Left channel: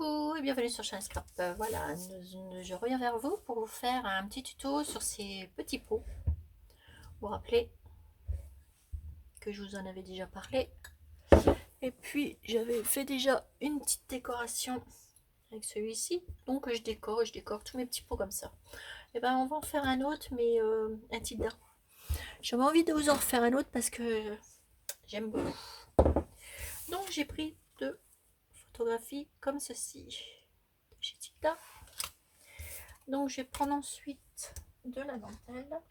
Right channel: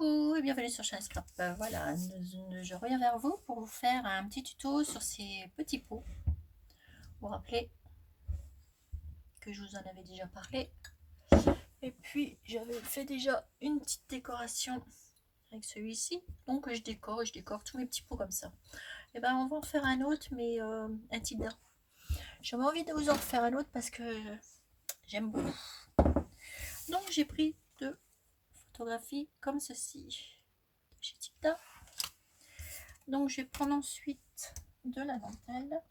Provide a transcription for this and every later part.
Coucou et bienvenue sur Chaîne Scrap. Voilà, je reviens vers vous pour vous faire un petit tuto sur ces petits pots. Vous vous rappelez que je vous en avais déjà parlé. Et puis j'avais fait déjà une petite décoration avec celui-ci. Donc je décore tous mes petits pots comme ça. Et ben on va en faire un autre, mais un type d'arbre. J'avais envie de vous en faire un autre parce que j'aime beaucoup. Donc j'ai pris deux photographies comme ceci. Chez Tilda. Donc je vais prendre ensuite de la dentelle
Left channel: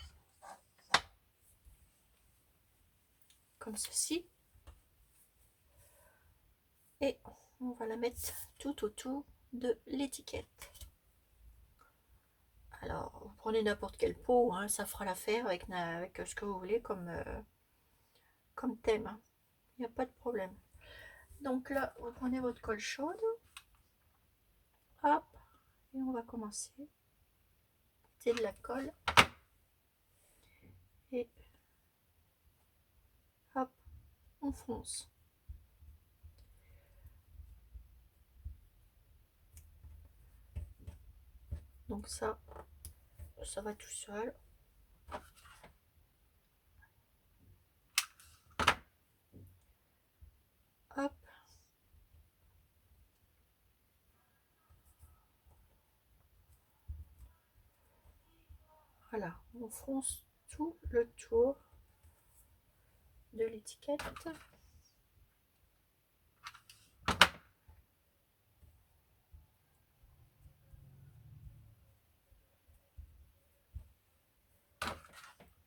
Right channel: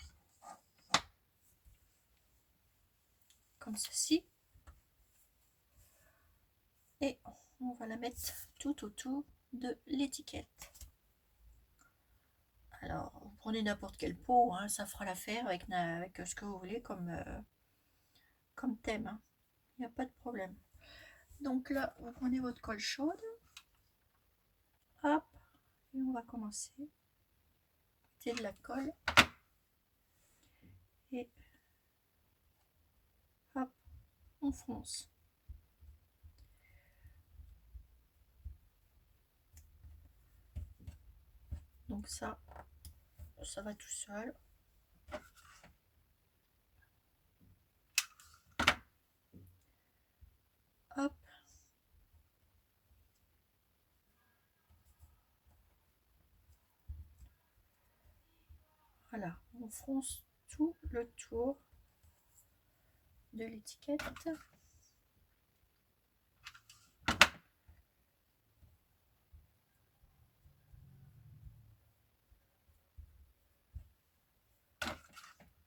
comme ceci et on va la mettre tout autour de l'étiquette. Alors vous prenez n'importe quel pot, hein, ça fera l'affaire avec ce que vous voulez comme thème, hein. Il n'y a pas de problème. Donc là vous prenez votre colle chaude, hop, et on va commencer. Mettez de la colle et hop, on fonce. Donc ça va tout seul. Hop. Voilà, on fronce tout le tour de l'étiquette.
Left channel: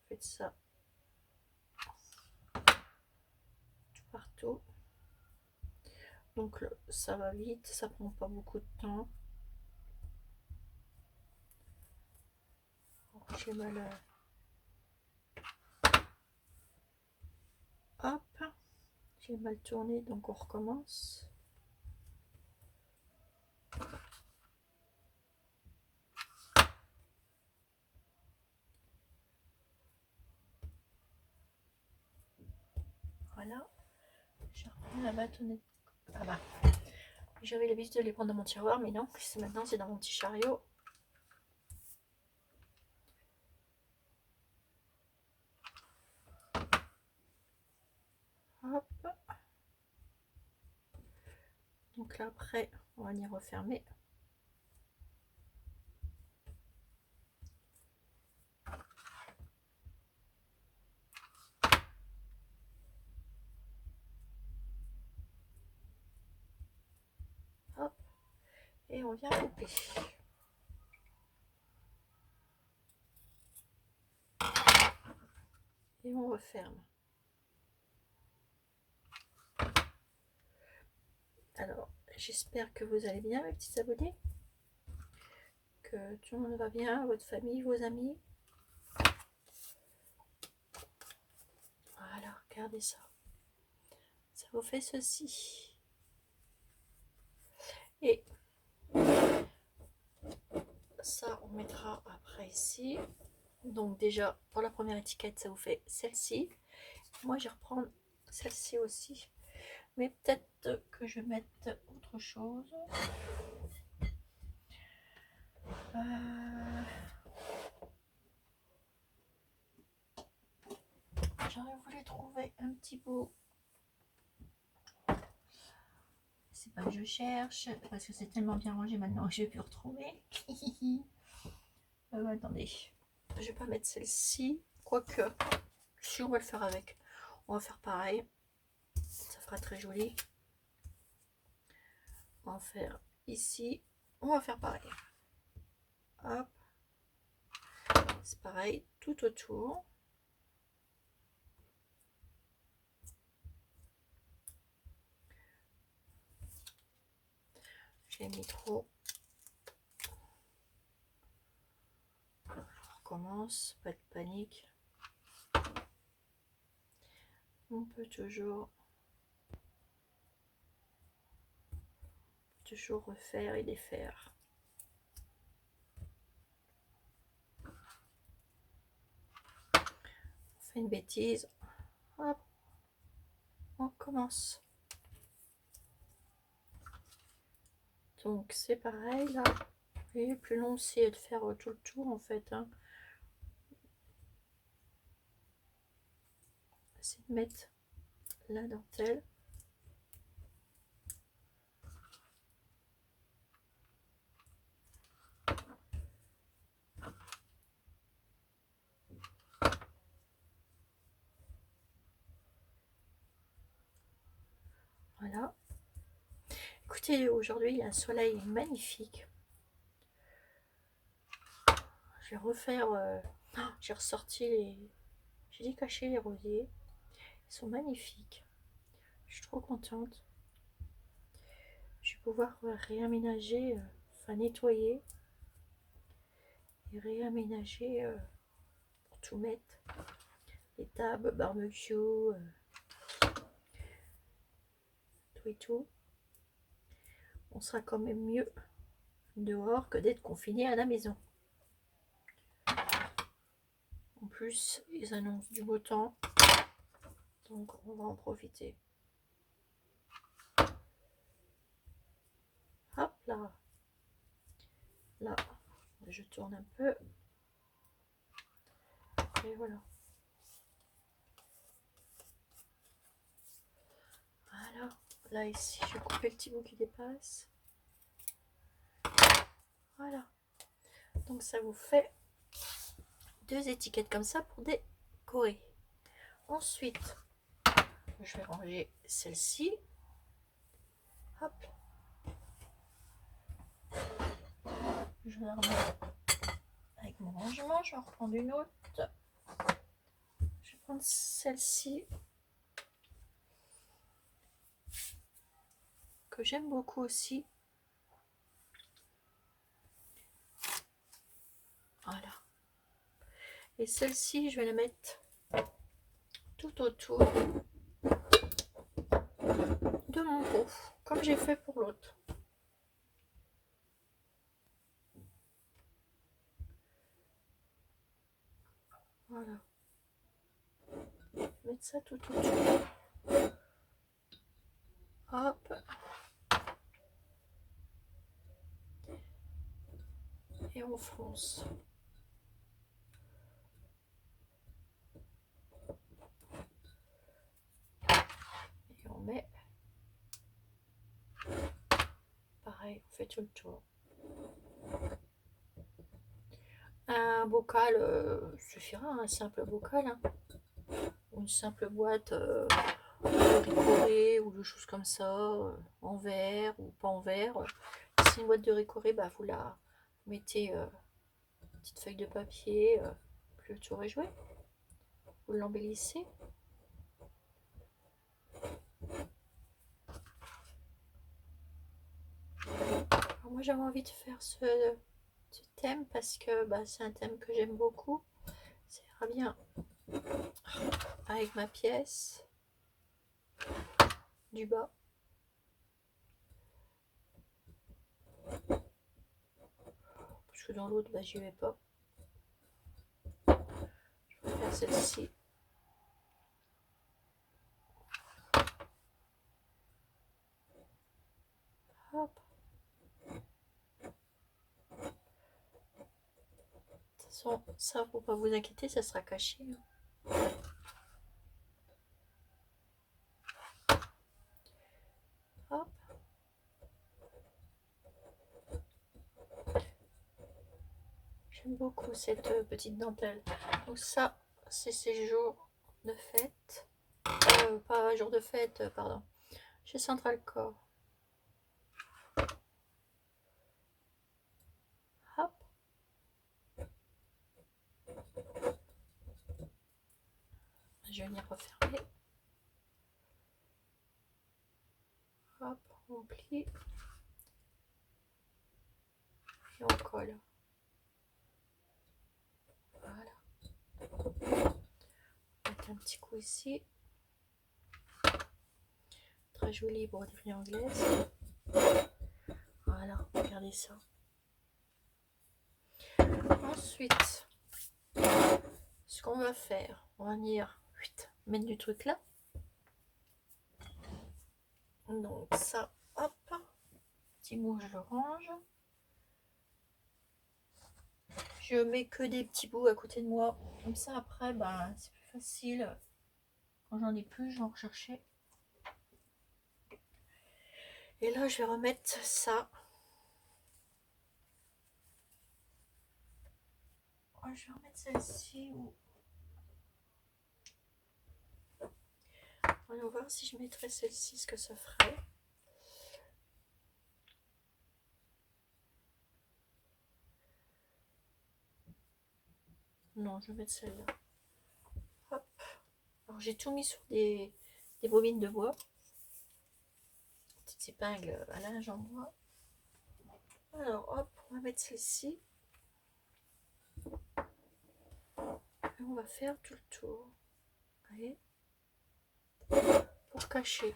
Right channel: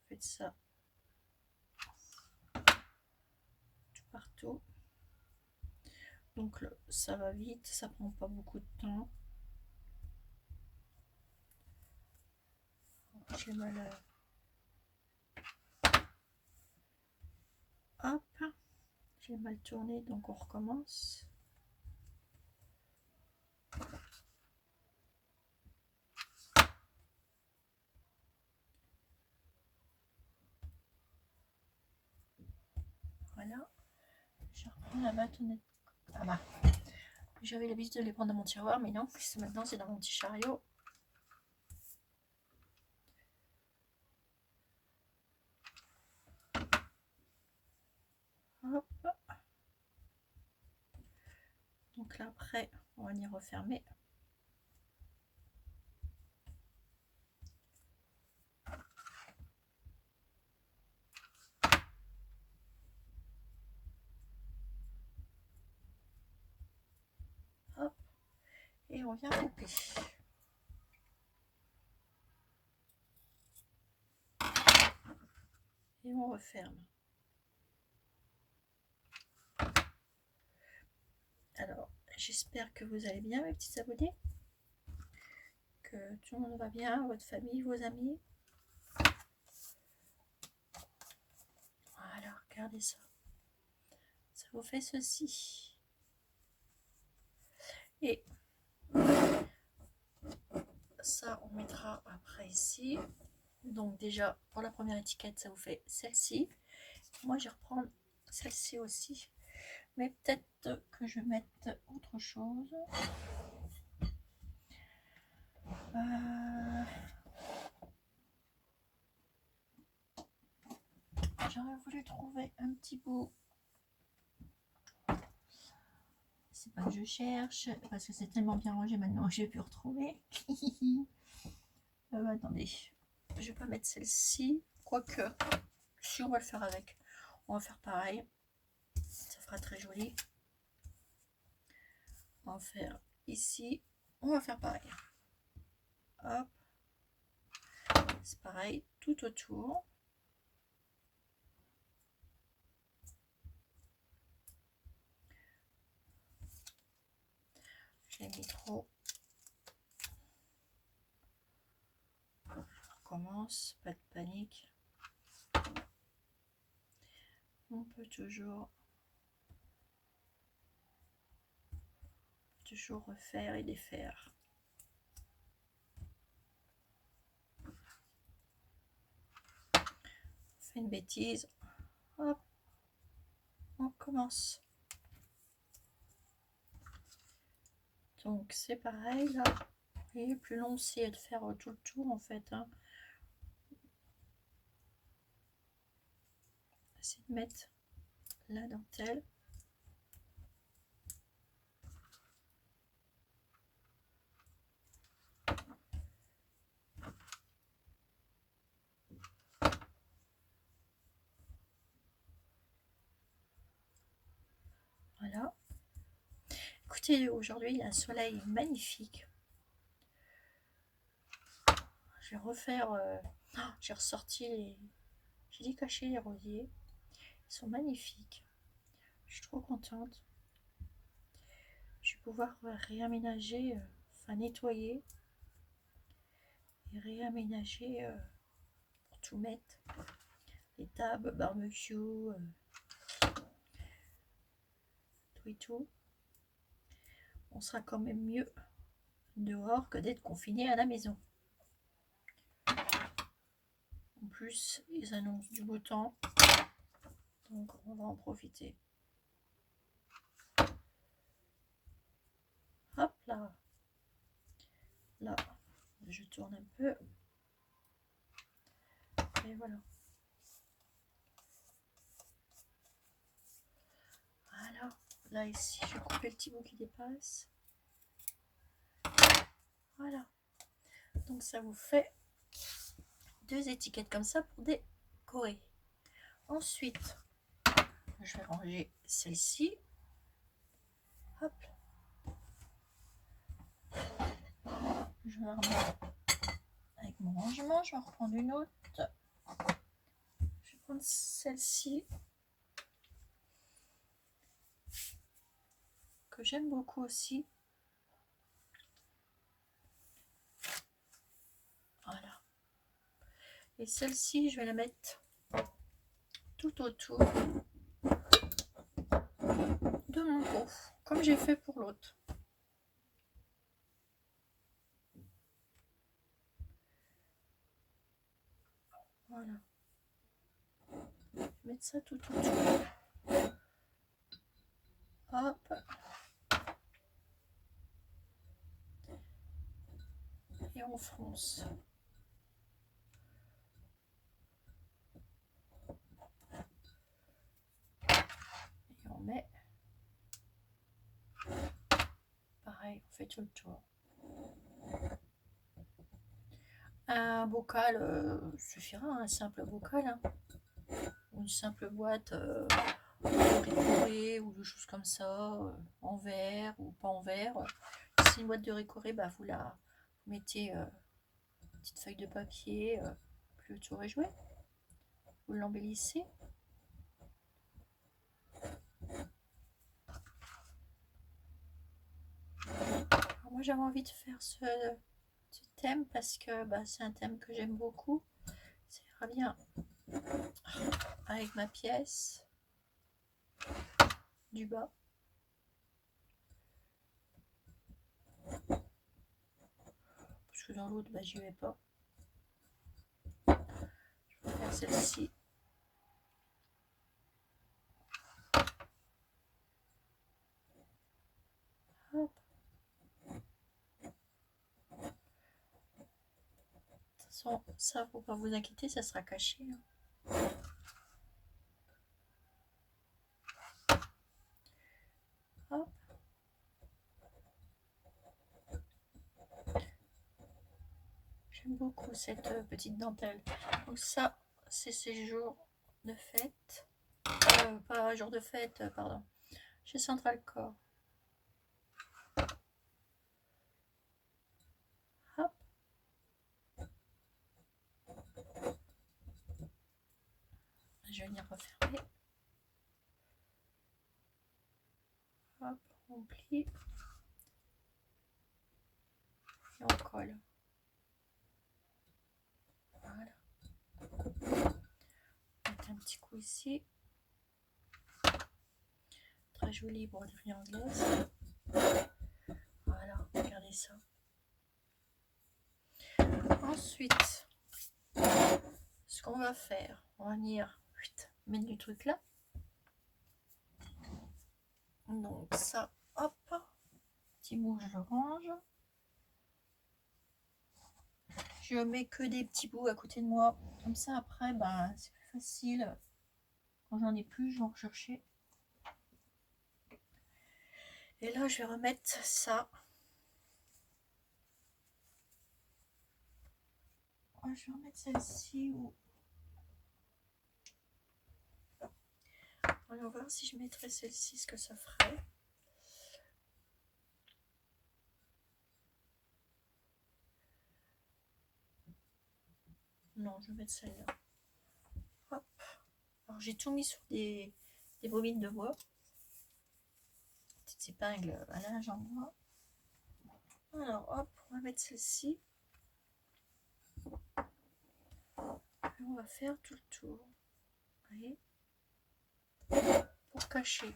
Faites ça partout. Donc ça va vite, ça prend pas beaucoup de temps. J'ai mal hop, j'ai mal tourné, donc on recommence. Voilà, je reprends la bâtonnette. Ah bah, j'avais l'habitude de les prendre dans mon tiroir, mais non, maintenant c'est dans mon petit chariot. Hop. Donc là après, on va y refermer. Hop. Et on vient couper. Et on referme. Alors, j'espère que vous allez bien, mes petits abonnés. Que tout le monde va bien, votre famille, vos amis. Voilà, regardez ça. Ça vous fait ceci. Et ça, on mettra après ici. Donc déjà, pour la première étiquette, ça vous fait celle-ci. Moi, je vais reprendre celle-ci aussi. Mais peut-être que je vais mettre autre chose. J'aurais voulu trouver un petit bout. C'est pas que je cherche, parce que c'est tellement bien rangé maintenant que je vais plus retrouver. Attendez, je vais pas mettre celle-ci. Quoique, si on va le faire avec. On va faire pareil. Ça fera très joli. On va faire ici. On va faire pareil. Hop. C'est pareil, tout autour. J'ai mis trop. On recommence, pas de panique. On peut toujours refaire et défaire. On fait une bêtise. Hop. On commence. Donc c'est pareil là. Et le plus long c'est de faire tout le tour en fait. Hein. C'est de mettre la dentelle. Voilà. Écoutez, aujourd'hui il y a un soleil magnifique. Je vais refaire. J'ai ressorti les. J'ai décaché les rosiers. Ils sont magnifiques. Je suis trop contente. Je vais pouvoir réaménager, enfin nettoyer et réaménager pour tout mettre. Les tables, barbecue, tout et tout. On sera quand même mieux dehors que d'être confiné à la maison. En plus, ils annoncent du beau temps. Donc on va en profiter. Hop là. Là, je tourne un peu. Et voilà. Voilà. Là ici, je vais couper le petit bout qui dépasse. Voilà. Donc ça vous fait 2 étiquettes comme ça pour décorer. Ensuite, je vais ranger celle-ci. Hop. Je la remets avec mon rangement. Je vais en reprendre une autre. Je vais prendre celle-ci que j'aime beaucoup aussi. Voilà. Et celle-ci, je vais la mettre tout autour de mon pot, comme j'ai fait pour l'autre. Voilà. Je vais mettre ça tout autour. Hop. Et on fronce. Et on met. Pareil, on fait tout le tour. Un bocal suffira, un simple bocal. Hein. Une simple boîte décorée ou des choses comme ça, en verre ou pas en verre. Si c'est une boîte de décorée, bah, vous la mettez une petite feuille de papier, puis le tour est joué. Vous l'embellissez. Alors moi j'avais envie de faire ce thème parce que bah, c'est un thème que j'aime beaucoup. Ça ira bien avec ma pièce du bas. Parce que dans l'autre, bah, j'y vais pas. Je vais faire celle-ci. Hop. De toute façon, ça, faut pas vous inquiéter, ça sera caché. Hop. J'aime beaucoup cette petite dentelle. Donc ça, c'est ces jours de fête. Pas jour de fête, pardon. Chez Central Core. Hop. Je vais venir refermer. Hop, on plie. Et on colle. Voilà. Mettre un petit coup ici. Très joli broderie anglaise. Voilà, regardez ça. Ensuite, ce qu'on va faire, on va venir mettre du truc là. Donc ça, hop, petit bout, je le range. Je mets que des petits bouts à côté de moi. Comme ça, après, bah, c'est plus facile. Quand j'en ai plus, je vais en rechercher. Et là, je vais remettre ça. Je vais remettre celle-ci. On va voir si je mettrais celle-ci, ce que ça ferait. Non, je vais mettre celle-là. Hop. Alors, j'ai tout mis sur des bobines de bois. Petites épingles à linge en bois. Alors, hop, on va mettre celle-ci. On va faire tout le tour. Vous voyez, pour cacher.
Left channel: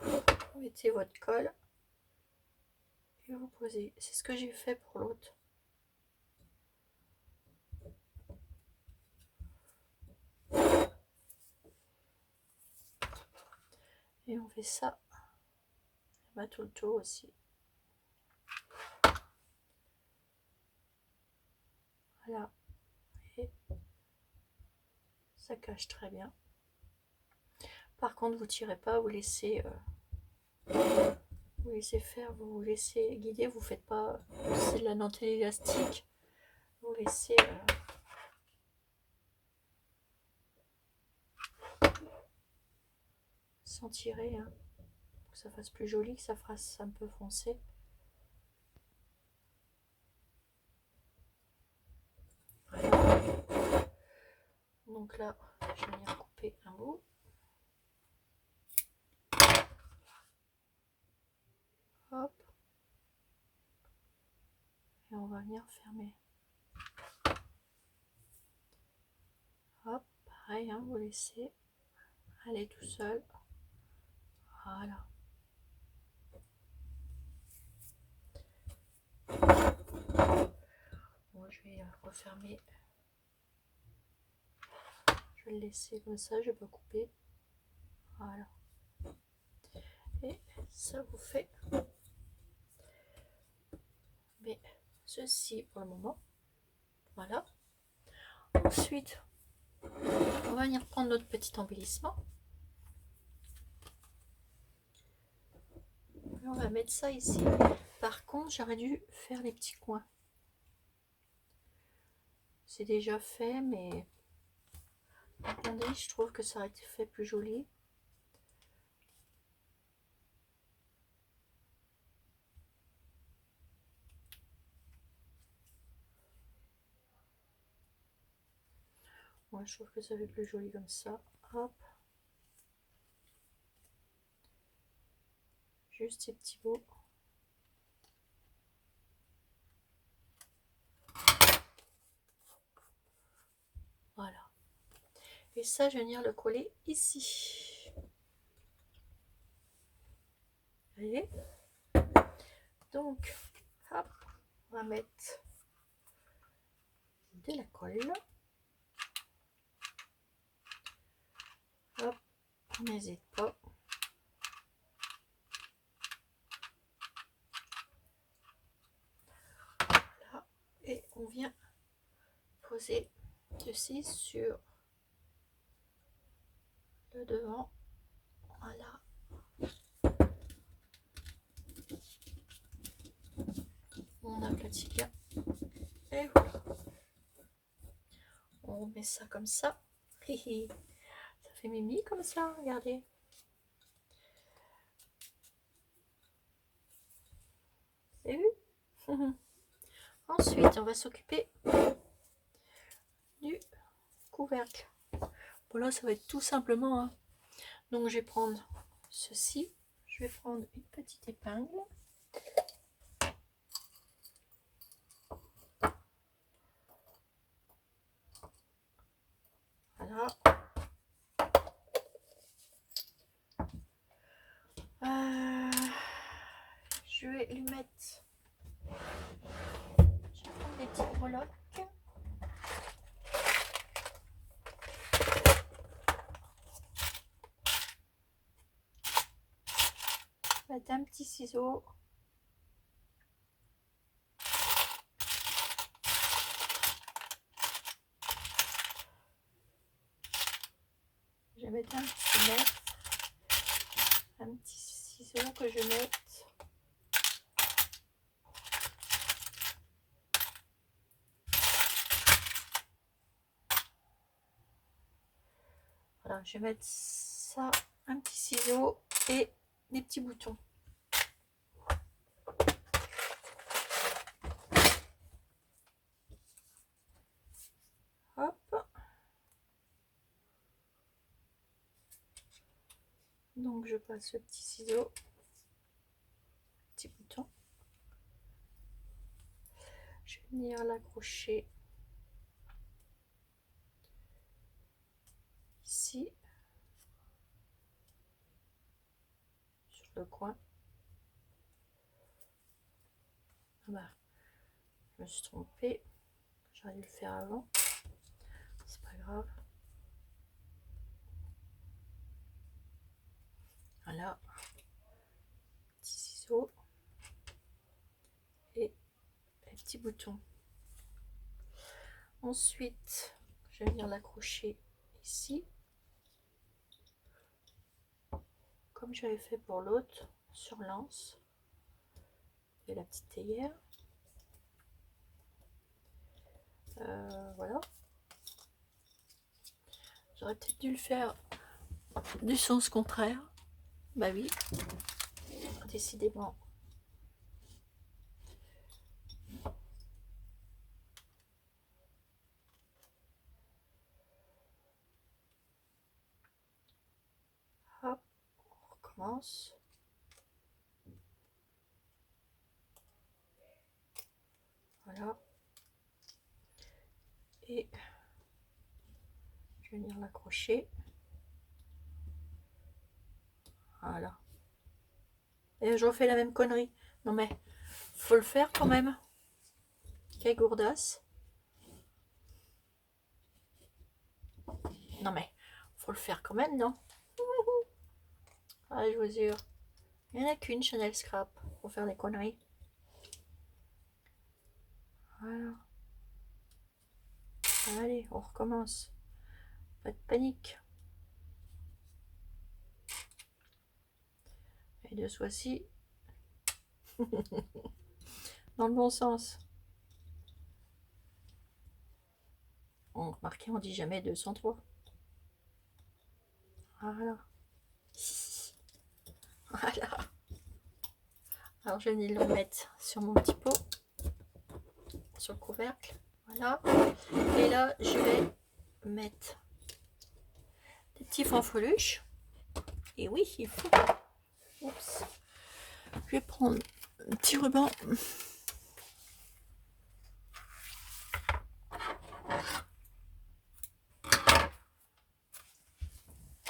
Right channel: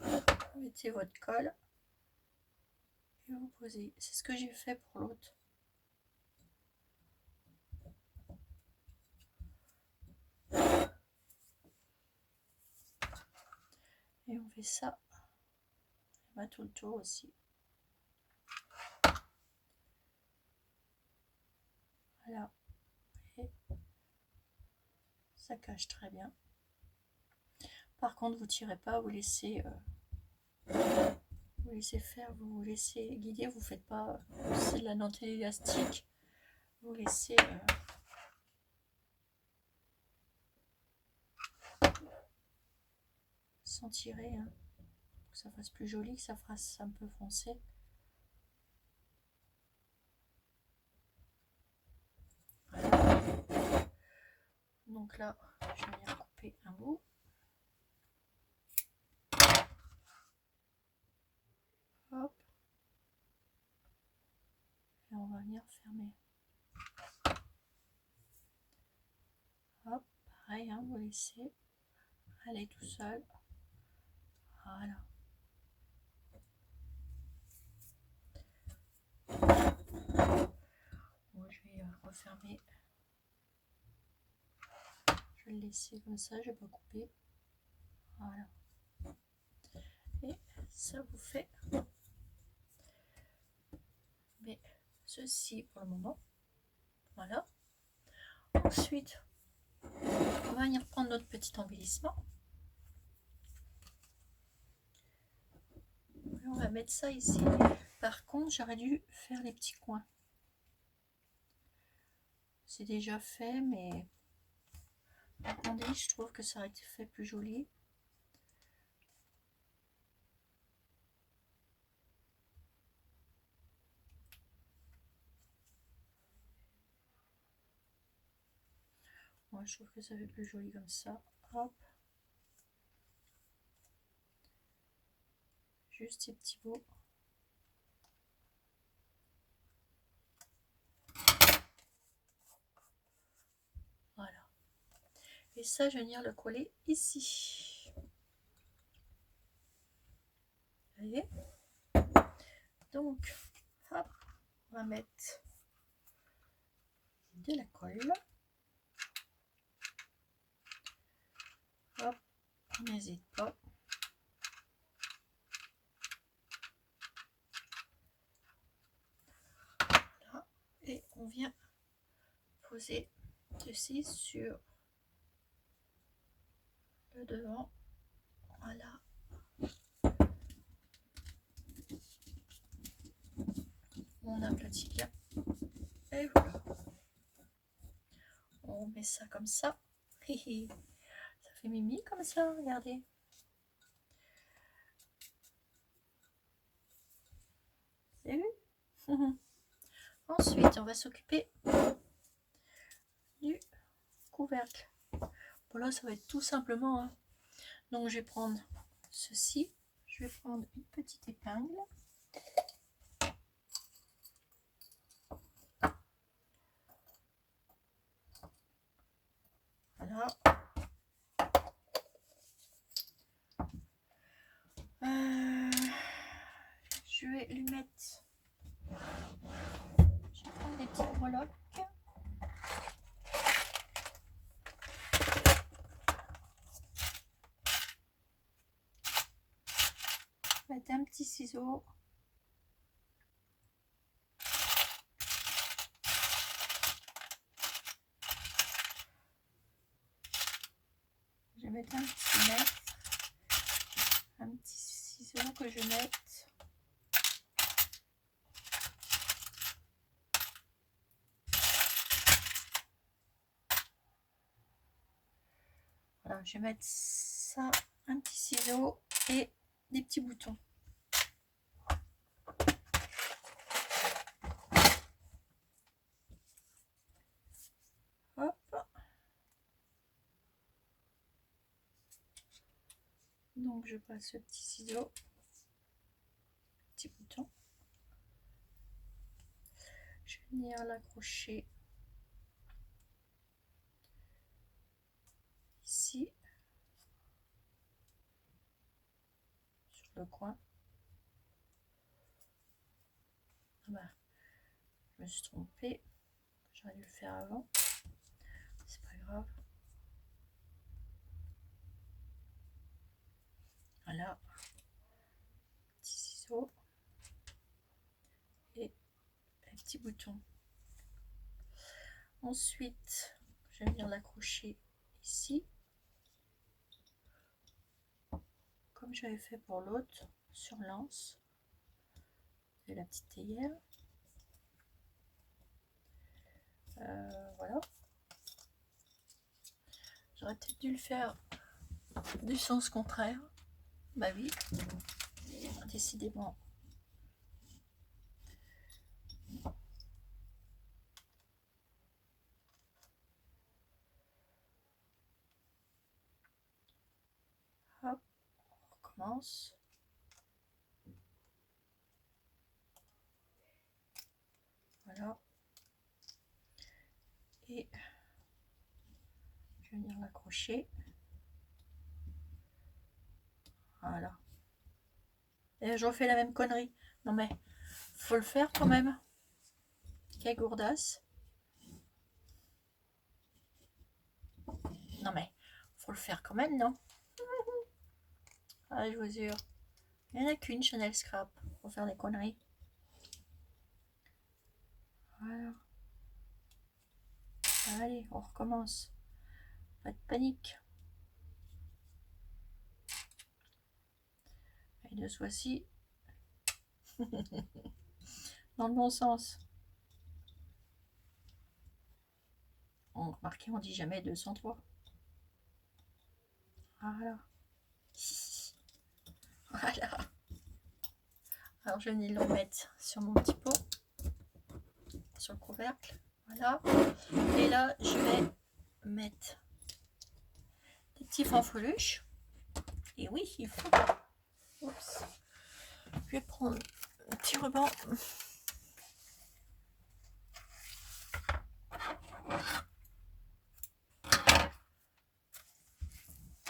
Vous mettez votre colle et vous posez. C'est ce que j'ai fait pour l'autre. Et on fait ça. Bah, tout le tour aussi. Voilà. Et ça cache très bien. Par contre, vous tirez pas, vous laissez faire, vous laissez guider, vous faites pas, c'est de la dentelle élastique, vous laissez sans tirer, hein, pour que ça fasse plus joli, que ça fasse un peu foncé. Donc là, je vais venir couper un bout. Hop. Et on va venir fermer. Hop, pareil, hein, vous laissez aller tout seul. Voilà. Bon, je vais refermer. Je vais le laisser comme ça, je vais pas couper. Voilà. Et ça vous fait mais ceci pour le moment. Voilà. Ensuite, on va venir prendre notre petit embellissement. Et on va mettre ça ici. Par contre, j'aurais dû faire les petits coins. C'est déjà fait, mais attendez, je trouve que ça aurait été fait plus joli. Moi, je trouve que ça fait plus joli comme ça. Hop. Juste ces petits bouts. Voilà. Et ça, je vais venir le coller ici. Vous voyez? Donc, hop, on va mettre de la colle. Hop, on n'hésite pas. Voilà. Et on vient poser ceci sur le devant. Voilà. On aplatit bien. Et voilà. On met ça comme ça. Ça fait mimi comme ça, regardez. Vous avez vu? Ensuite, on va s'occuper du couvercle. Bon là, ça va être tout simplement. Hein. Donc, je vais prendre ceci. Je vais prendre une petite épingle. Voilà. Je vais lui mettre. Je vais prendre des petites breloques. mettre un petit ciseau. Je vais mettre un petit ciseau que je mette. Voilà, je vais mettre ça, un petit ciseau et des petits boutons. Hop. Donc je passe le petit ciseau, petit bouton. Je vais venir l'accrocher ici, sur le coin. Ah bah, je me suis trompée, j'aurais dû le faire avant, c'est pas grave. Voilà, petit ciseau et les petits boutons. Ensuite, je vais venir l'accrocher ici, comme j'avais fait pour l'autre, sur l'anse de la petite théière. Voilà. J'aurais peut-être dû le faire du sens contraire. Bah oui, décidément. Hop, on recommence. Voilà. Et je vais venir l'accrocher. Voilà. Et je refais la même connerie. Non mais, faut le faire quand même. Quelle gourdasse. Non mais, faut le faire quand même, non? Ah, je vous jure. Il n'y en a qu'une Chanel Scrap pour faire des conneries. Voilà. Allez, on recommence. Pas de panique. Et de ce fois-ci, dans le bon sens. Remarquez, on dit jamais 203. Voilà. Voilà. Alors je vais le mettre sur mon petit pot, sur le couvercle. Voilà. Et là, je vais mettre des petits fanfreluches. Et oui, il faut. Oups. Je vais prendre un petit ruban.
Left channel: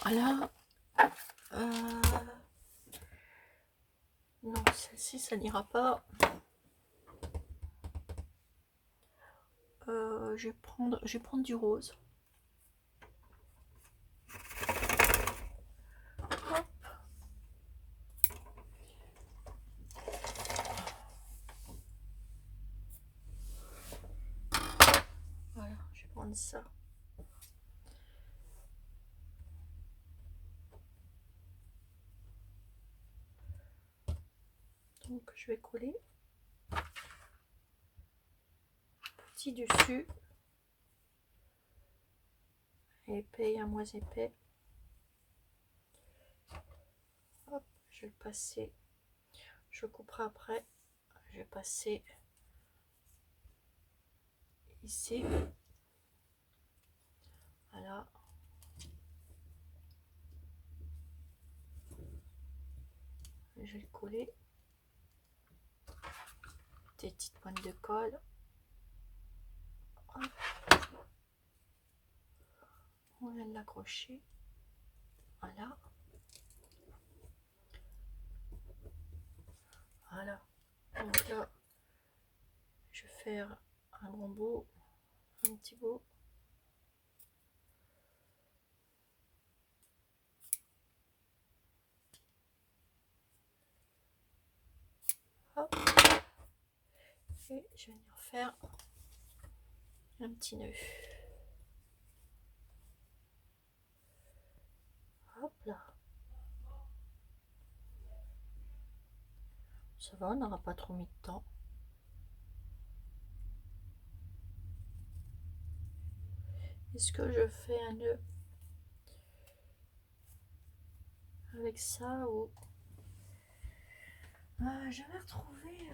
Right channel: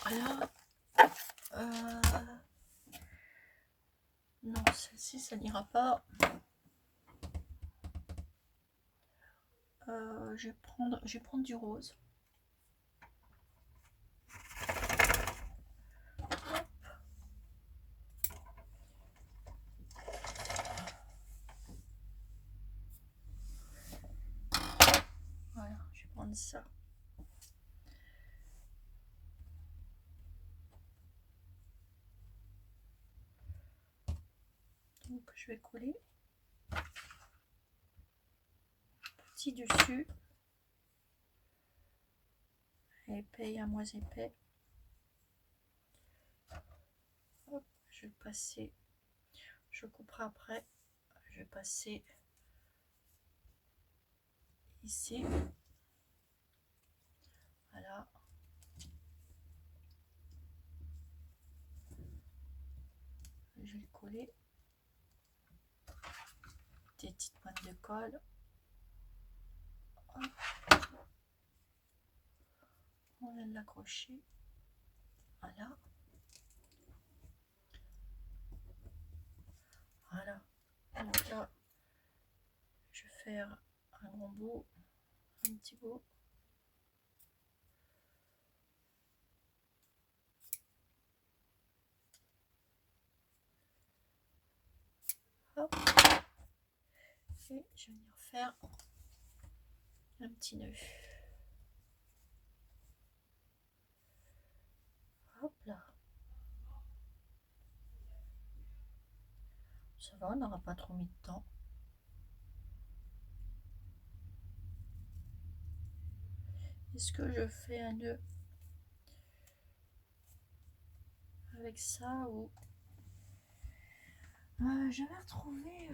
Voilà. Non, celle-ci, ça n'ira pas. Je vais prendre du rose. Voilà, je vais prendre ça. Donc je vais coller petit dessus, épais et un moins épais. Hop, je vais le passer. Je couperai après. Je vais passer ici. Voilà. Je vais le coller. Des petites pointes de colle. Hop. On vient de l'accrocher. Voilà. Voilà. Donc là, je vais faire un grand bout, un petit bout. Hop. Et je vais venir faire un petit nœud. Hop là. Ça va, on n'aura pas trop mis de temps. Est-ce que je fais un nœud avec ça ou... je vais retrouver...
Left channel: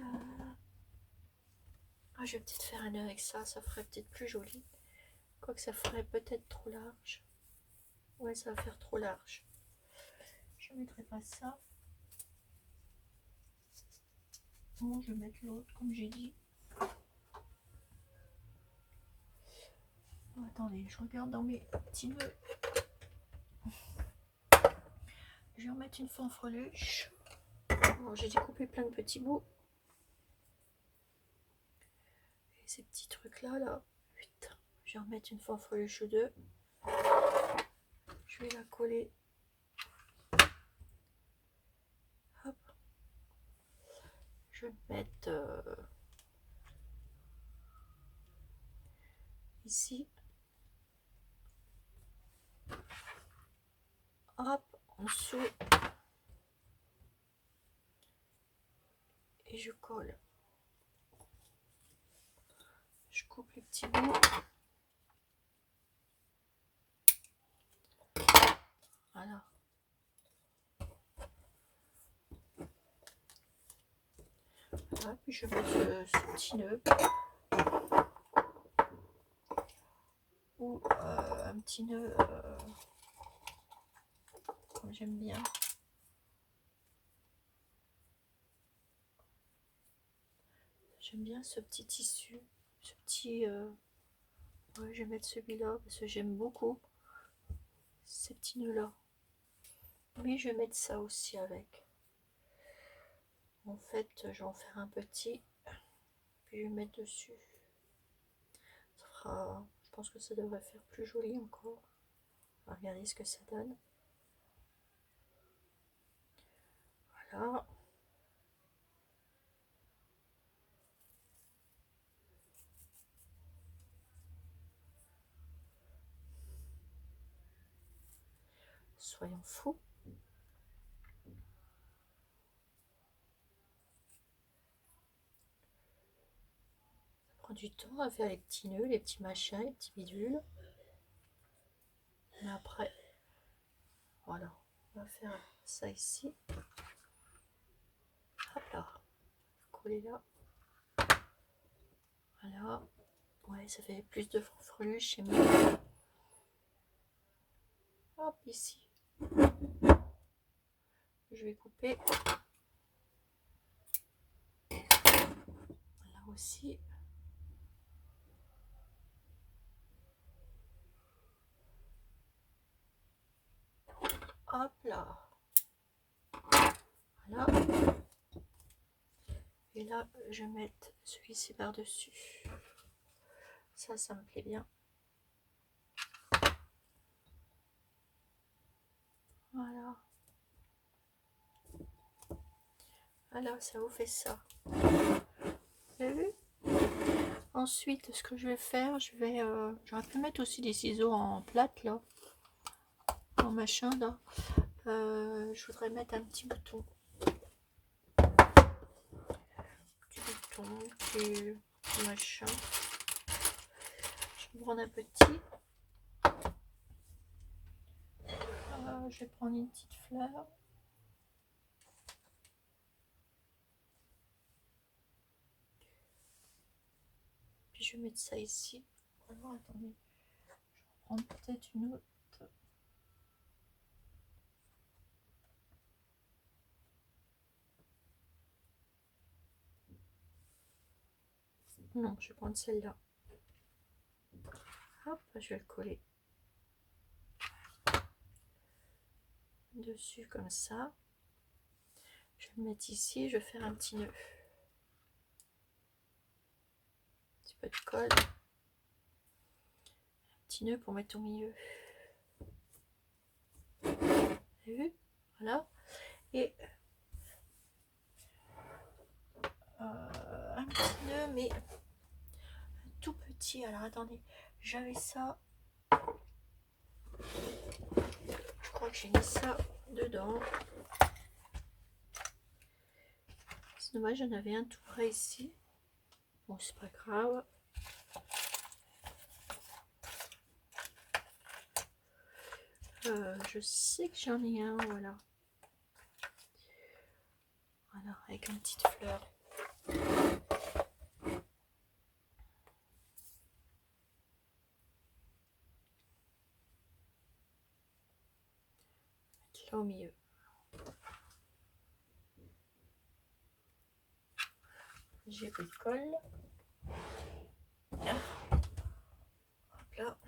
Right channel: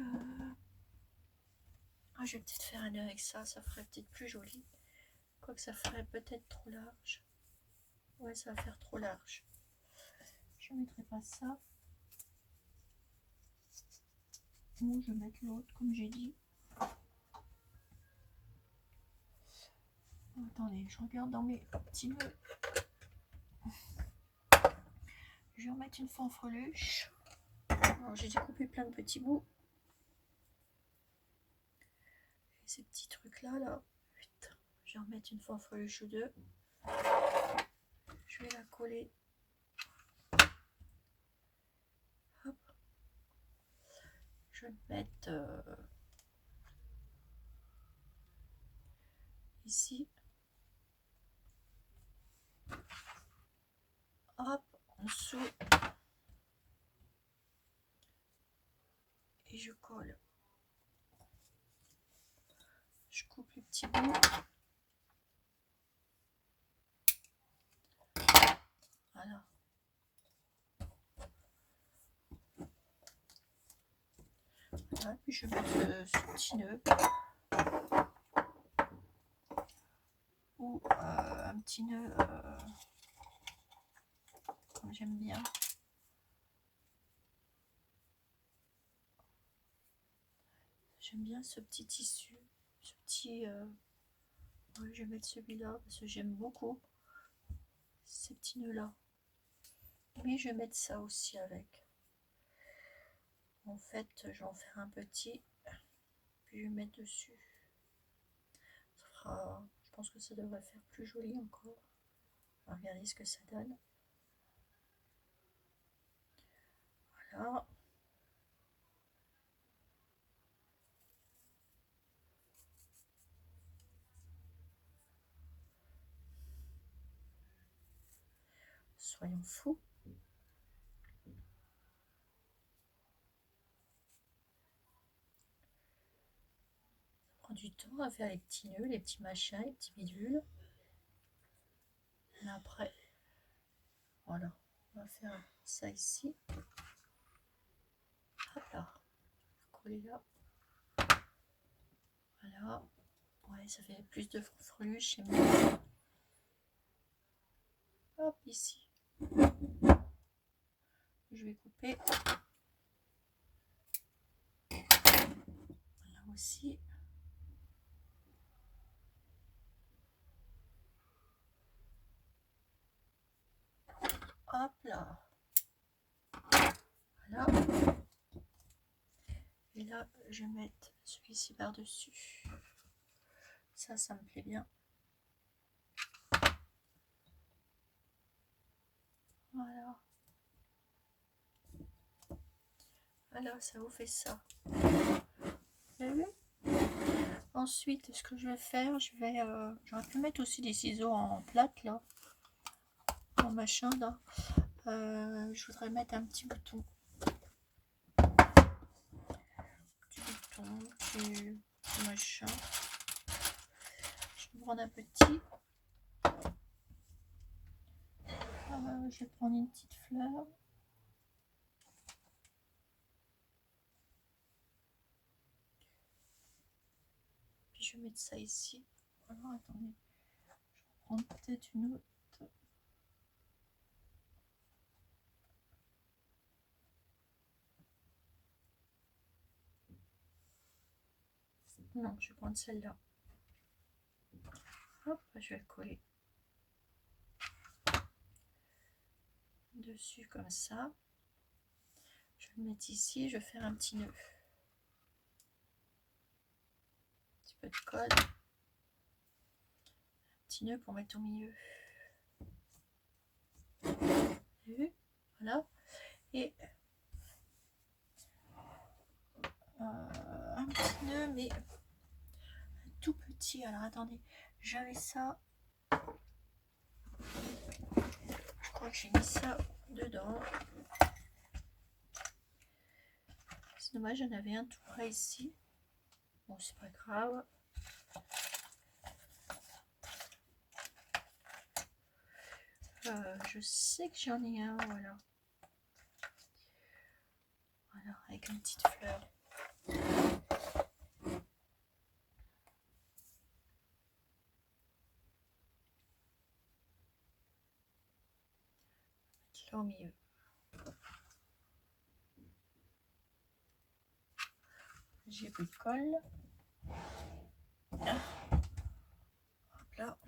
je vais peut-être faire un nœud avec ça, ça ferait peut-être plus joli. Quoique ça ferait peut-être trop large. Ouais, ça va faire trop large. Je ne mettrai pas ça. Bon, je vais mettre l'autre, comme j'ai dit. Oh, attendez, je regarde dans mes petits nœuds. Je vais en mettre une fanfreluche. Alors, j'ai découpé plein de petits bouts. Et ces petits trucs-là, là, putain, je vais en mettre une fanfreluche ou deux. Je vais la coller. Hop. Je vais mettre ici. Hop, en dessous. Et je colle. Je coupe les petits bouts. Voilà. Voilà, puis je vais mettre ce petit nœud. Ou un petit nœud comme j'aime bien. J'aime bien ce petit tissu. Ce petit... ouais, je vais mettre celui-là parce que j'aime beaucoup ces petits nœuds là. Oui, je vais mettre ça aussi avec. En fait, je vais en faire un petit, puis je vais mettre dessus. Ça fera, je pense que ça devrait faire plus joli encore. On va regarder ce que ça donne. Voilà. Soyons fous. Ça prend du temps à faire les petits nœuds, les petits machins, les petits bidules. Mais après, voilà, on va faire ça ici. Hop là, coller là. Voilà. Ouais, ça fait plus de fanfreluche, c'est mieux. Hop, ici. Je vais couper. Là aussi. Hop là. Voilà. Et là, je vais mettre celui-ci par-dessus. Ça me plaît bien. Voilà. Voilà, ça vous fait ça. Vous avez vu? Ensuite, ce que je vais faire, j'aurais pu mettre aussi des ciseaux en plate, là. En machin, là. Je voudrais mettre un petit bouton. Petit machin. Je vais prendre un petit. Je vais prendre une petite fleur. Puis je vais mettre ça ici. Alors attendez, je vais prendre peut-être une autre. Non, je vais prendre celle-là. Hop, je vais le coller dessus comme ça. Je vais le mettre ici, je vais faire un petit nœud. Un petit peu de colle. Un petit nœud pour mettre au milieu. Vous avez vu? Voilà. Et un petit nœud, mais tout petit. Alors attendez, j'avais ça. Je crois que j'ai mis ça dedans. C'est dommage, j'en avais un tout près ici. Bon, c'est pas grave. Je sais que j'en ai un, voilà. Voilà, avec une petite fleur. Là au milieu. J'ai pris le colle. Hop là.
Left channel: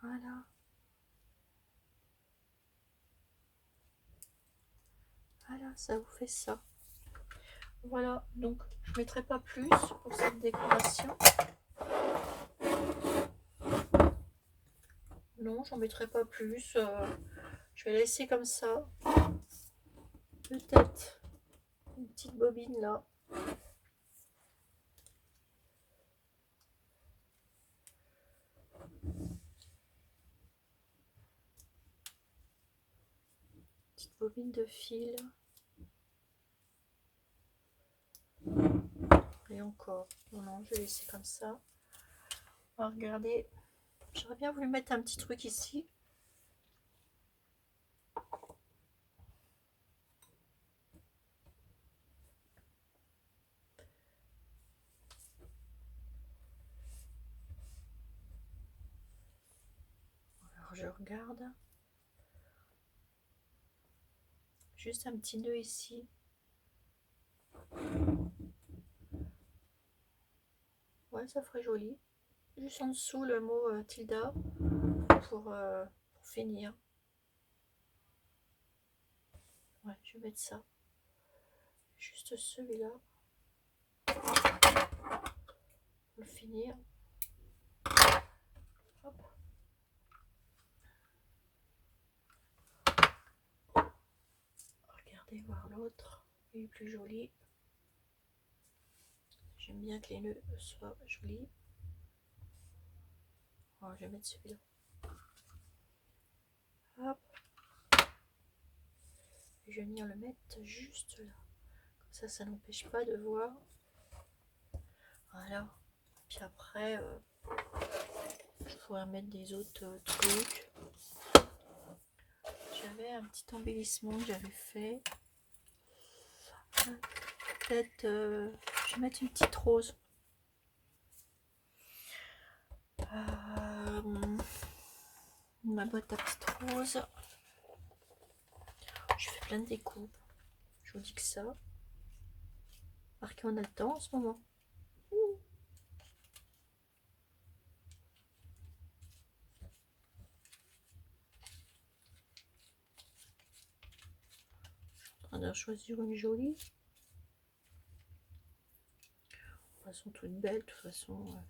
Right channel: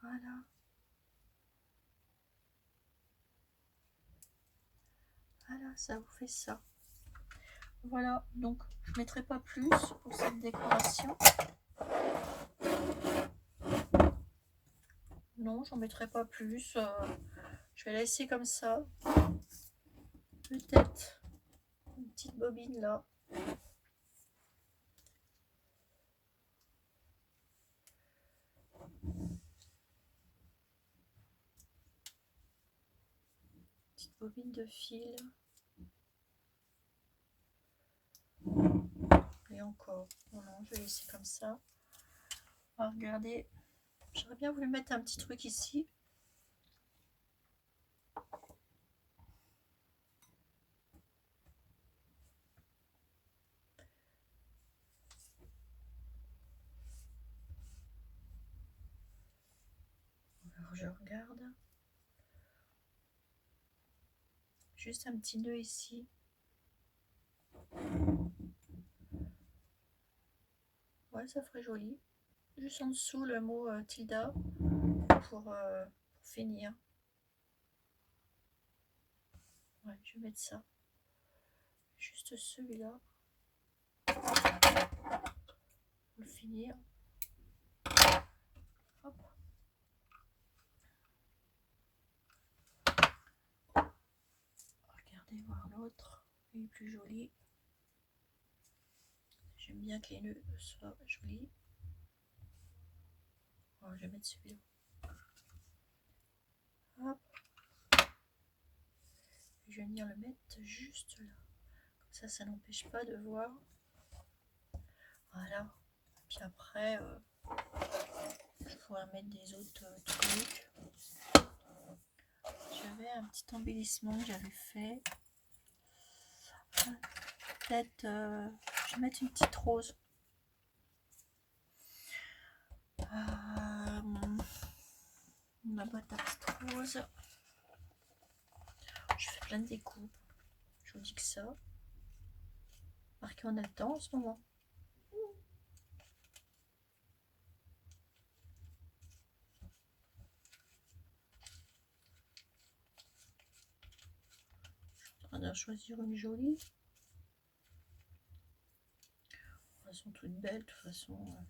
Voilà. Voilà, ça vous fait ça. Voilà, donc je ne mettrai pas plus pour cette décoration. Non, j'en mettrai pas plus. Je vais laisser comme ça. Peut-être une petite bobine là. Petite bobine de fil. Et encore. Non, non, je vais laisser comme ça. Alors, regardez. J'aurais bien voulu mettre un petit truc ici. Alors je regarde. Juste un petit nœud ici. Ouais, ça ferait joli. Juste en dessous le mot tilda pour finir. Ouais, je vais mettre ça. Juste celui-là. Pour finir. Hop. Regardez voir l'autre. Il est plus joli. J'aime bien que les nœuds soient jolis. Alors, je vais mettre celui-là. Hop. Et je vais venir le mettre juste là. Comme ça n'empêche pas de voir. Voilà. Puis après, je pourrais mettre des autres trucs. J'avais un petit embellissement que j'avais fait. Peut-être, je vais mettre une petite rose. Ma boîte à petites roses. Je fais plein de découpes. Je vous dis que ça. Marqué on a le temps en ce moment. On va choisir une jolie. De toute façon, toute belle. De toute façon.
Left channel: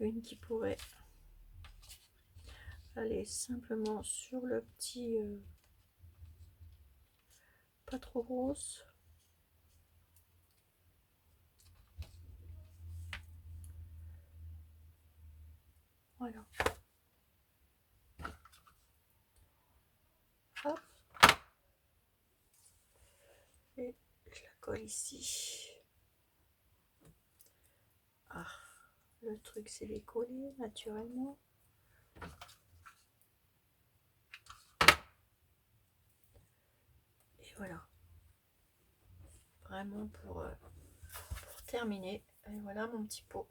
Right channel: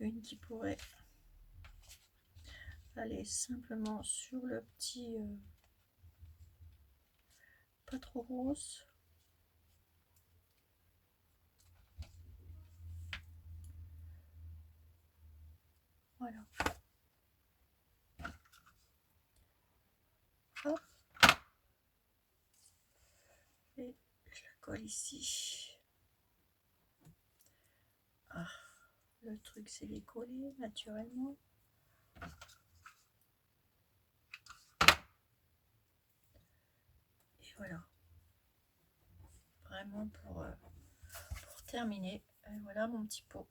Une qui pourrait aller simplement sur le petit. Pas trop rose. Voilà. Hop. Et je la colle ici. Ah, le truc c'est les coller naturellement. Et voilà. Vraiment pour terminer. Et voilà mon petit pot.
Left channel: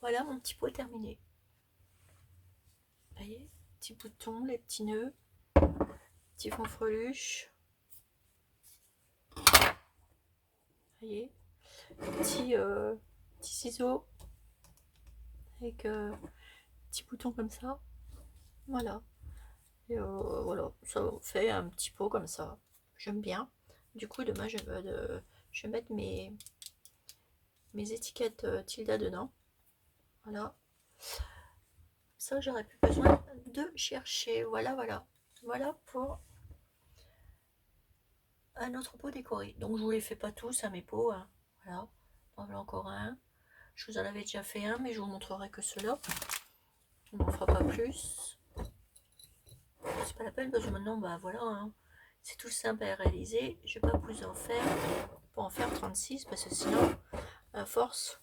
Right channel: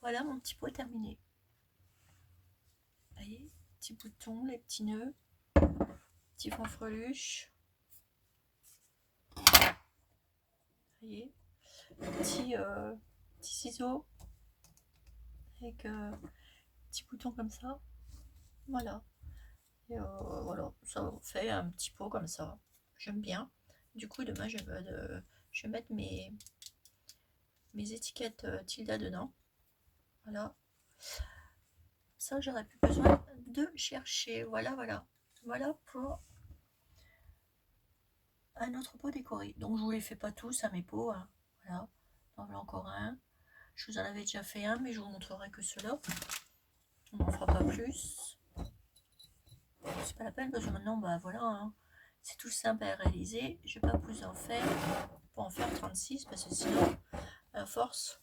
Voilà mon petit pot terminé. Vous voyez, petits boutons, les petits nœuds, petits fanfreluches. Vous voyez, petits ciseaux avec petits boutons comme ça. Voilà. Et voilà, ça fait un petit pot comme ça. J'aime bien. Du coup, demain, je je vais mettre mes étiquettes Tilda dedans. Voilà. Ça, j'aurais plus besoin de chercher. Voilà, voilà. Voilà pour un autre pot décoré. Donc, je vous les fais pas tous à mes pots. Hein. Voilà. Voilà encore un. Je vous en avais déjà fait un, mais je vous montrerai que cela. On n'en fera pas plus. C'est pas la peine parce que maintenant, bah voilà. Hein. C'est tout simple à réaliser. Je vais pas plus en faire. Pour en faire 36 parce que sinon, à force,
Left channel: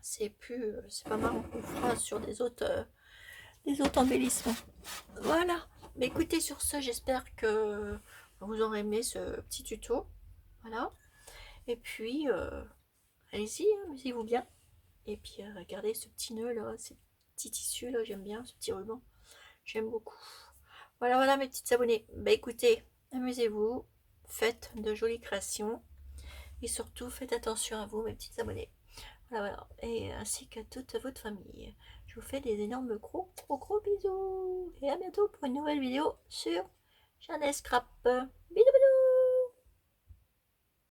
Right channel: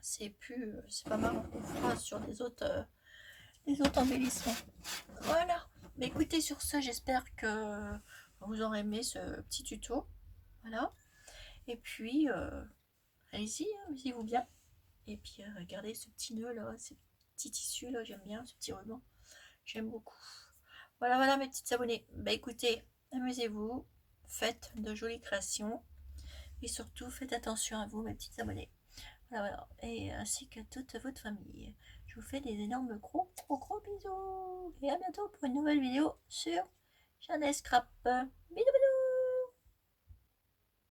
c'est plus. C'est pas marrant. On fera sur des autres embellissements. Voilà. Mais écoutez, sur ce, j'espère que vous aurez aimé ce petit tuto. Voilà. Et puis, allez-y, hein, amusez-vous bien. Et puis, regardez ce petit nœud là, ces petits tissus là, j'aime bien ce petit ruban. J'aime beaucoup. Voilà, voilà mes petites abonnées. Bah écoutez, amusez-vous, faites de jolies créations. Et surtout, faites attention à vous, mes petites abonnées. Voilà, voilà. Et ainsi qu'à toute votre famille. Je vous fais des énormes gros, gros, gros bisous. Et à bientôt pour une nouvelle vidéo sur Jeanne Scrap.